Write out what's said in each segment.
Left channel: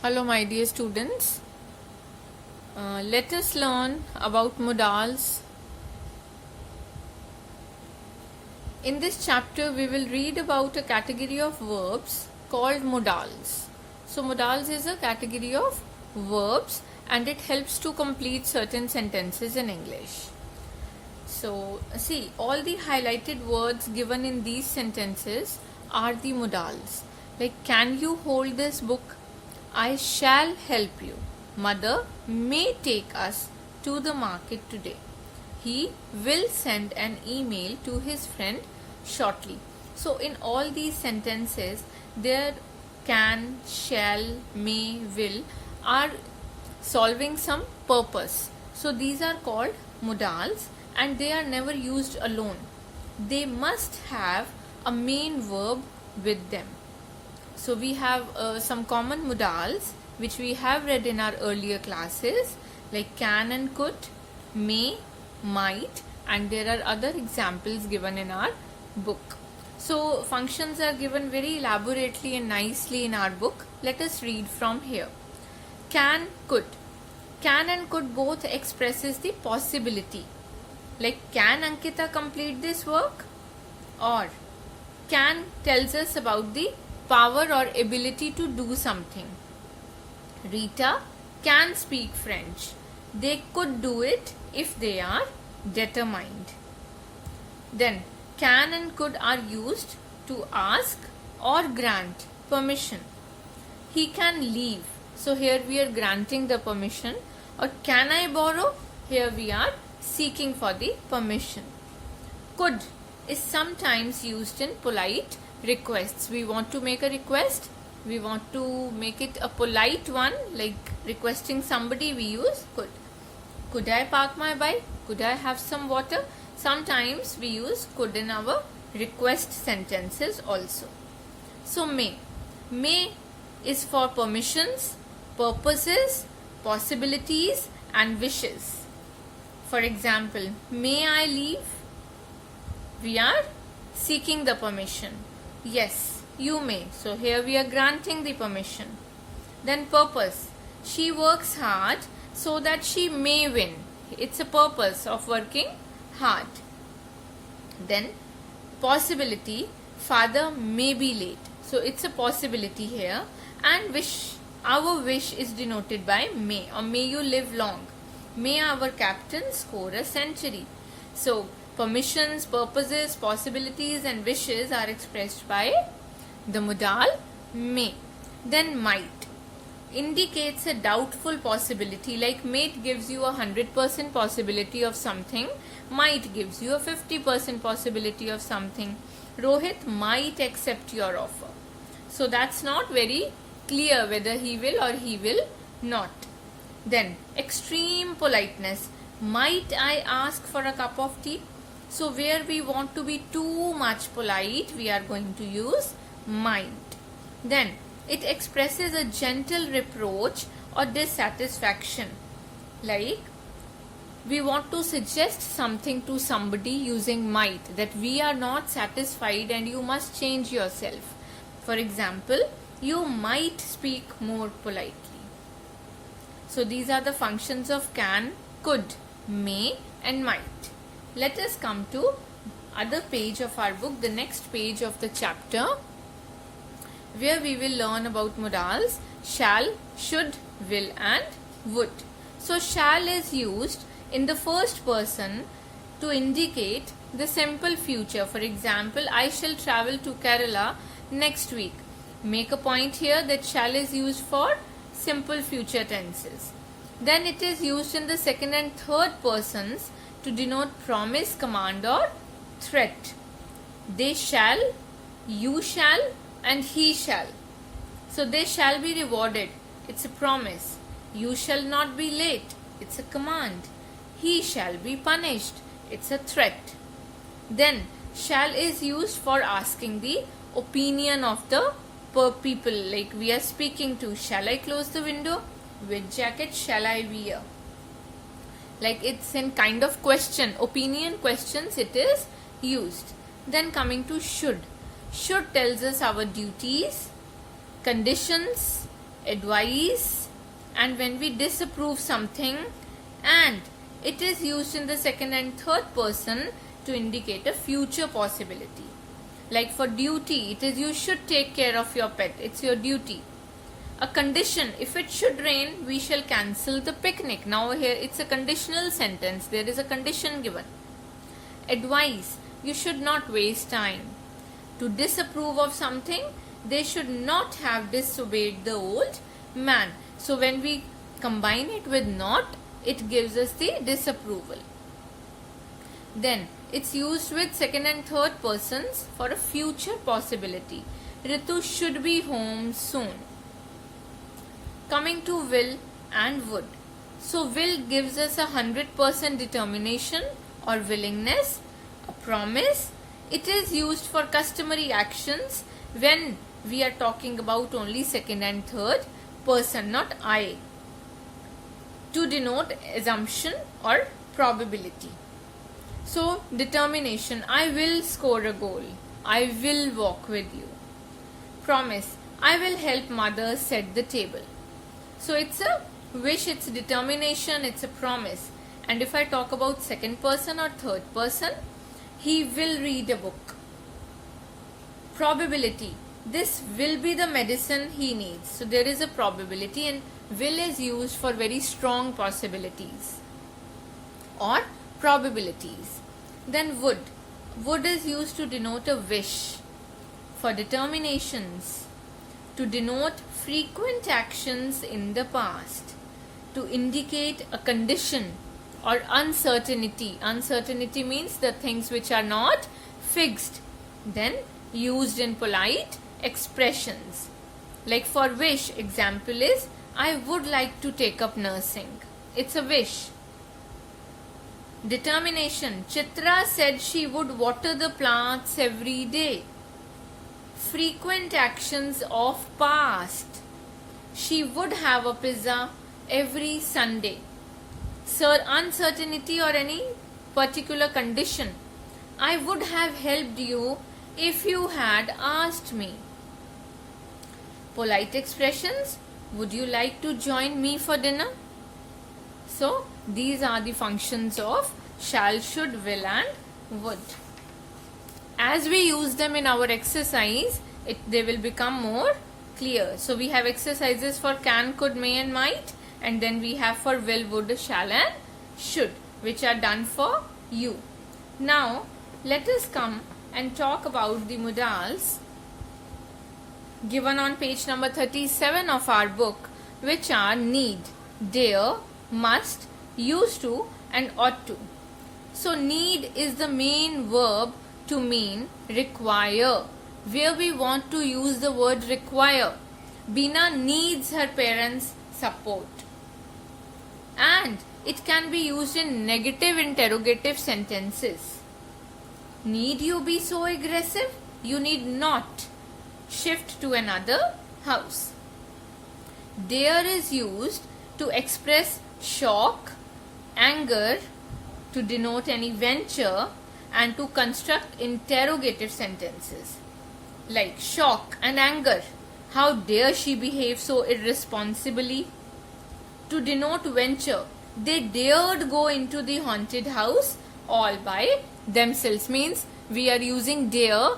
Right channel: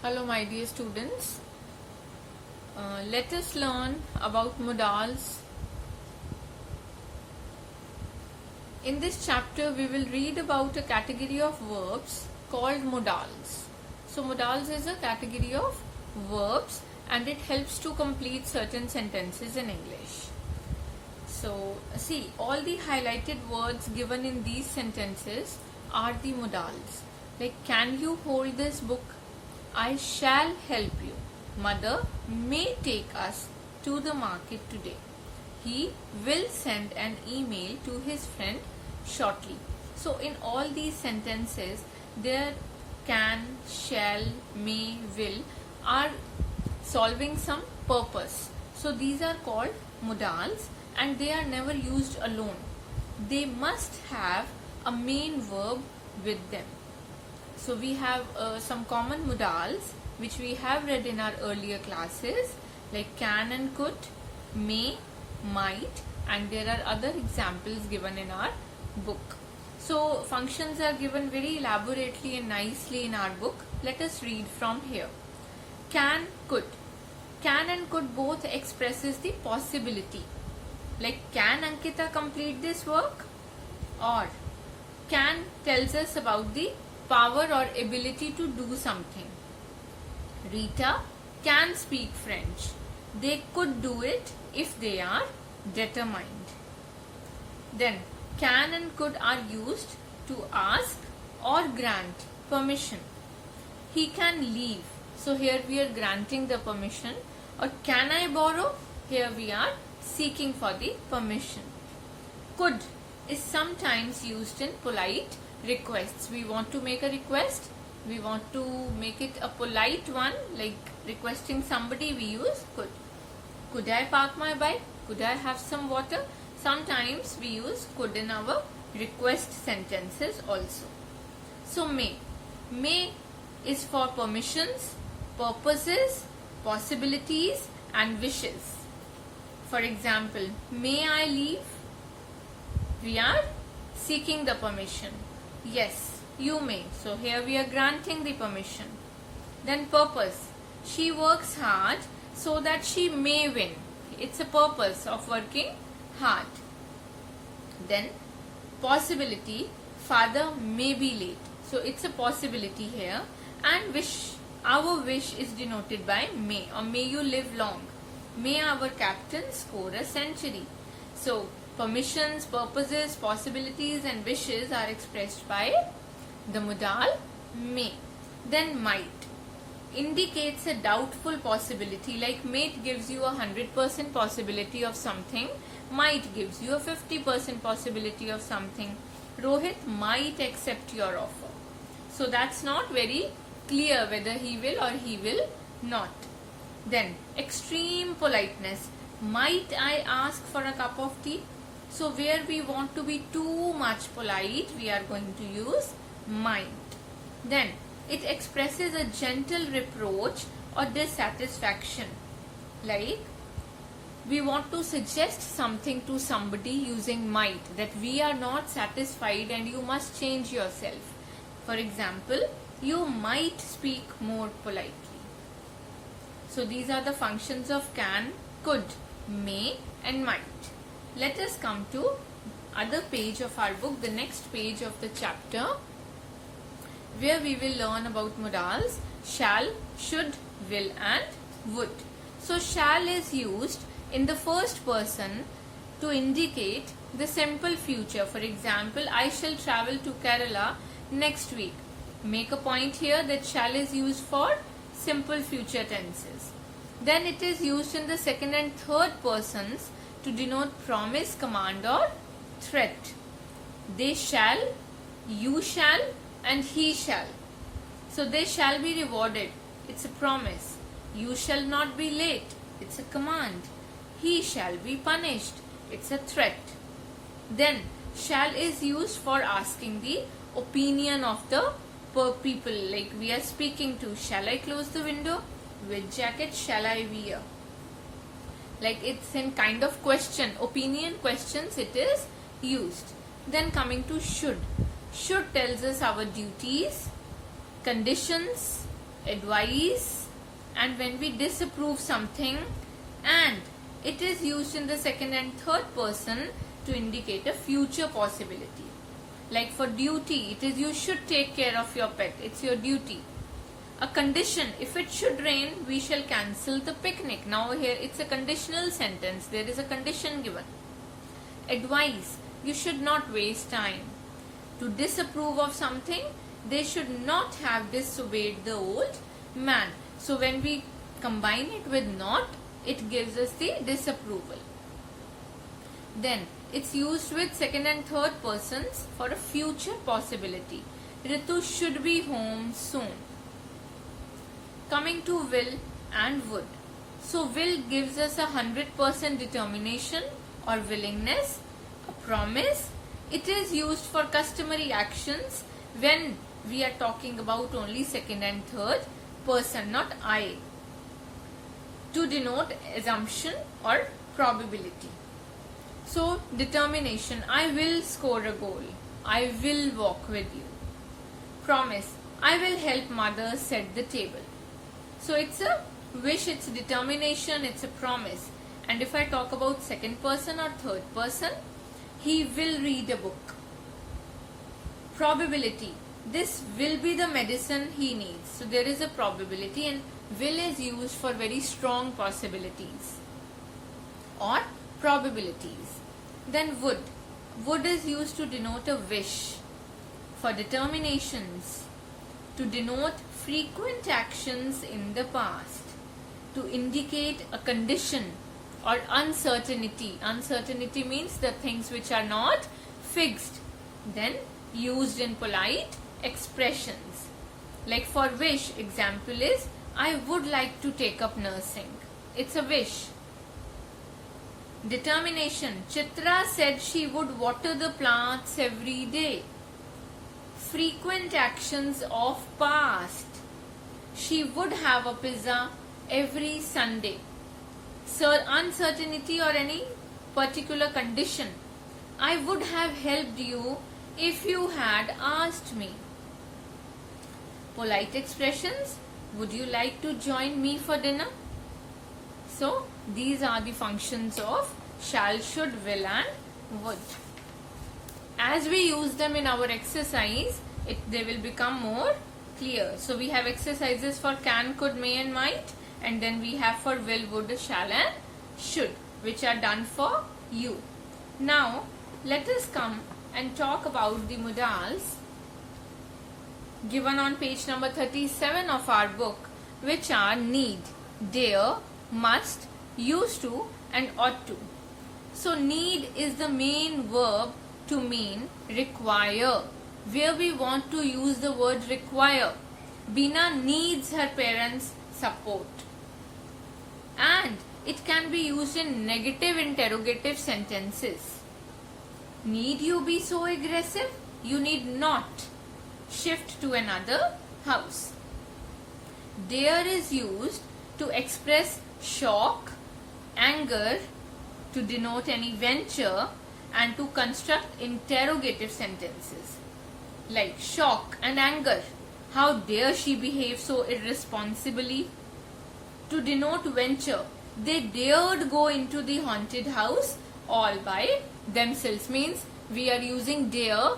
Hello my dear students, let us learn about modals. In this chapter we will read about a category of verbs called modals. So modals is a category of verbs and it helps to complete certain sentences in English. So see, all the highlighted words given in these sentences are the modals. Like, can you hold this book? I shall help you. Mother may take us to the market today. He will send an email to his friend shortly. So in all these sentences, there can, shall, may, will are solving some purpose. So these are called modals and they are never used alone. They must have a main verb with them. So we have some common modals which we have read in our earlier classes, like can and could, may, might, and there are other examples given in our book. So functions are given very elaborately and nicely in our book. Let us read from here. Can, could. Can and could both expresses the possibility. Like, can Ankita complete this work? Or can tells us about the power or ability to do something. Rita can speak French. They could do it if they are determined. Then can and could are used to ask or grant permission. He can leave. So here we are granting the permission. Or can I borrow? Here we are seeking for the permission. Could is sometimes used in polite requests. We want to make a request. We want to make it a polite one, like requesting somebody, we use could. Could I park my bike? Could I have some water? Sometimes we use could in our request sentences also. So may. May is for permissions, purposes, possibilities and wishes. For example, may I leave? We are seeking the permission. Yes, you may. So here we are granting the permission. Then purpose. She works hard so that she may win. It's a purpose of working hard. Then possibility. Father may be late. So it's a possibility here. And wish. Our wish is denoted by may, or may you live long. May our captain score a century. So permissions, purposes, possibilities and wishes are expressed by the modal may. Then might indicates a doubtful possibility, like may gives you 100% possibility of something, might gives you a 50% possibility of something. Rohit might accept your offer. So that's not very clear whether he will or he will not. Then extreme politeness. Might I ask for a cup of tea? So where we want to be too much polite, we are going to use might. Then it expresses a gentle reproach or dissatisfaction. Like, we want to suggest something to somebody using might, that we are not satisfied and you must change yourself. For example, you might speak more politely. So these are the functions of can, could, may and might. Let us come to other page of our book, the next page of the chapter, where we will learn about modals shall, should, will and would. So shall is used in the first person to indicate the simple future. For example, I shall travel to Kerala next week. Make a point here that shall is used for simple future tenses. Then it is used in the second and third persons to denote promise, command or threat. They shall, you shall and he shall. So they shall be rewarded. It's a promise. You shall not be late. It's a command. He shall be punished. It's a threat. Then shall is used for asking the opinion of the people, like we are speaking to. Shall I close the window? Which jacket shall I wear? Like it's in kind of question, opinion questions it is used. Then coming to should. Should tells us our duties, conditions, advise, and when we disapprove something, and it is used in the second and third person to indicate a future possibility. Like for duty, it is you should take care of your pet. It's your duty. A condition, if it should rain, we shall cancel the picnic. Now here it's a conditional sentence. There is a condition given. Advice, you should not waste time. To disapprove of something, they should not have disobeyed the old man. So when we combine it with not, it gives us the disapproval. Then it's used with second and third persons for a future possibility. Ritu should be home soon. Coming to will and would. So will gives us 100% determination or willingness, a promise. It is used for customary actions when we are talking about only second and third person, not I, to denote assumption or probability. So determination, I will score a goal. I will walk with you. Promise, I will help mother set the table. So it's a wish, it's determination, it's a promise. And if I talk about second person or third person, he will read a book. Probability, this will be the medicine he needs. So there is a probability, and will is used for very strong possibilities or probabilities. Then would. Would is used to denote a wish. For determinations, to denote frequent actions in the past, to indicate a condition or uncertainty. Uncertainty means the things which are not fixed. Then used in polite expressions. Like for wish, example is, I would like to take up nursing. It's a wish. Determination, Chitra said she would water the plants every day. Frequent actions of past, she would have a pizza every Sunday. Sir, uncertainty or any particular condition, I would have helped you if you had asked me. Polite expressions, would you like to join me for dinner? So these are the functions of shall, should, will and would. As we use them in our exercise, they will become more clear. So we have exercises for can, could, may and might, and then we have for will, would, shall and should, which are done for you. Now let us come and talk about the modals given on page number 37 of our book, which are need, dare, must, used to and ought to. So need is the main verb to mean require, where we want to use the word require. Bina needs her parents' support. And it can be used in negative interrogative sentences. Need you be so aggressive? You need not. Shift to another house. Dare is used to express shock, anger, to denote any venture, and to construct interrogative sentences. Like shock and anger. How dare she behave so irresponsibly? To denote venture, they dared go into the haunted house all by themselves. Means we are using dare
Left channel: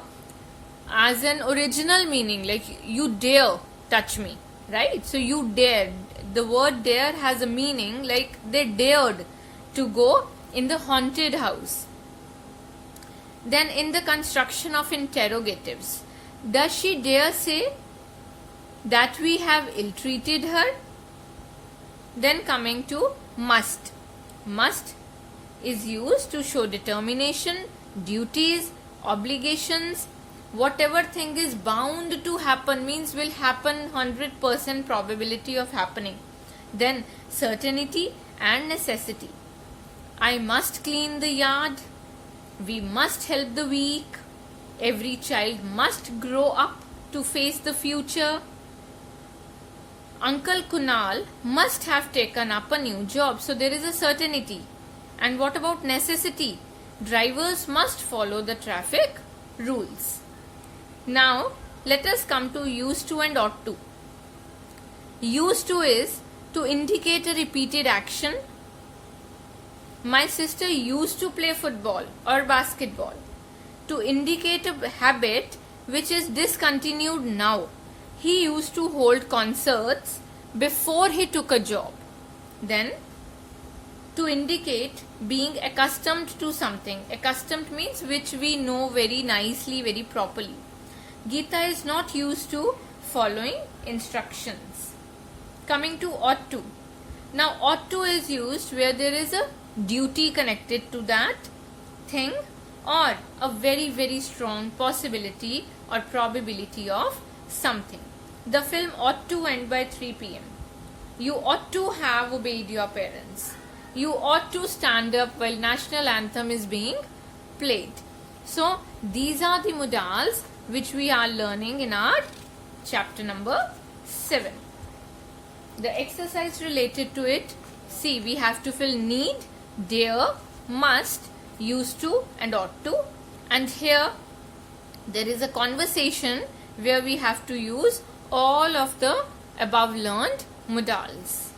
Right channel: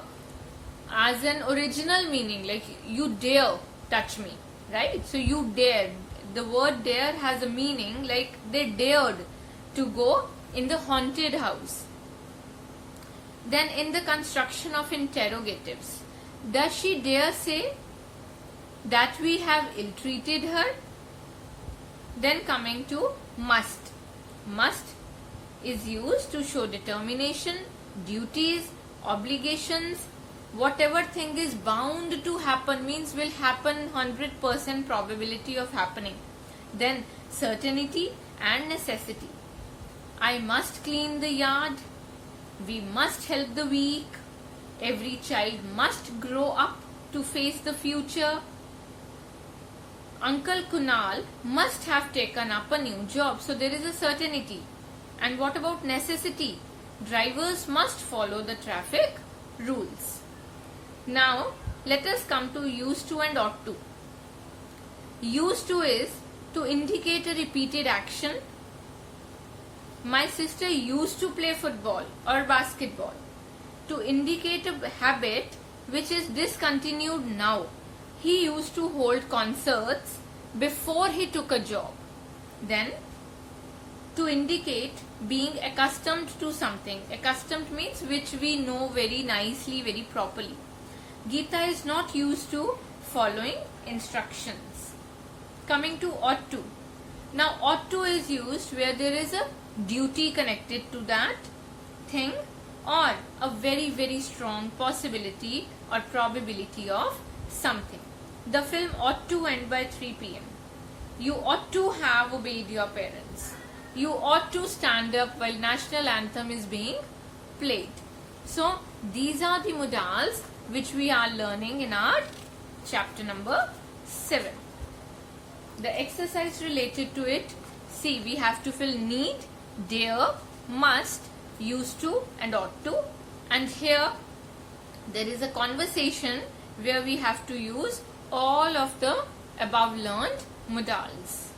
as an original meaning, like you dare touch me, right? So you dared. The word dare has a meaning like they dared to go in the haunted house. Then in the construction of interrogatives, does she dare say that we have ill-treated her? Then coming to must. Must is used to show determination, duties, obligations. Whatever thing is bound to happen means will happen, 100% probability of happening. Then certainty and necessity. I must clean the yard. We must help the weak. Every child must grow up to face the future. Uncle Kunal must have taken up a new job. So there is a certainty. And what about necessity? Drivers must follow the traffic rules. Now let us come to used to and ought to. Used to is to indicate a repeated action. My sister used to play football or basketball. To indicate a habit which is discontinued now. He used to hold concerts before he took a job. Then, to indicate being accustomed to something. Accustomed means which we know very nicely, very properly. Geeta is not used to following instructions. Coming to ought to. Now, ought to is used where there is a duty connected to that thing or a very, very strong possibility or probability of something. The film ought to end by 3 p.m. You ought to have obeyed your parents. You ought to stand up while national anthem is being played. So, these are the modals which we are learning in our chapter number 7. The exercise related to it, see, we have to fill need, dare, must, used to and ought to. And here there is a conversation where we have to use all of the above learned modals.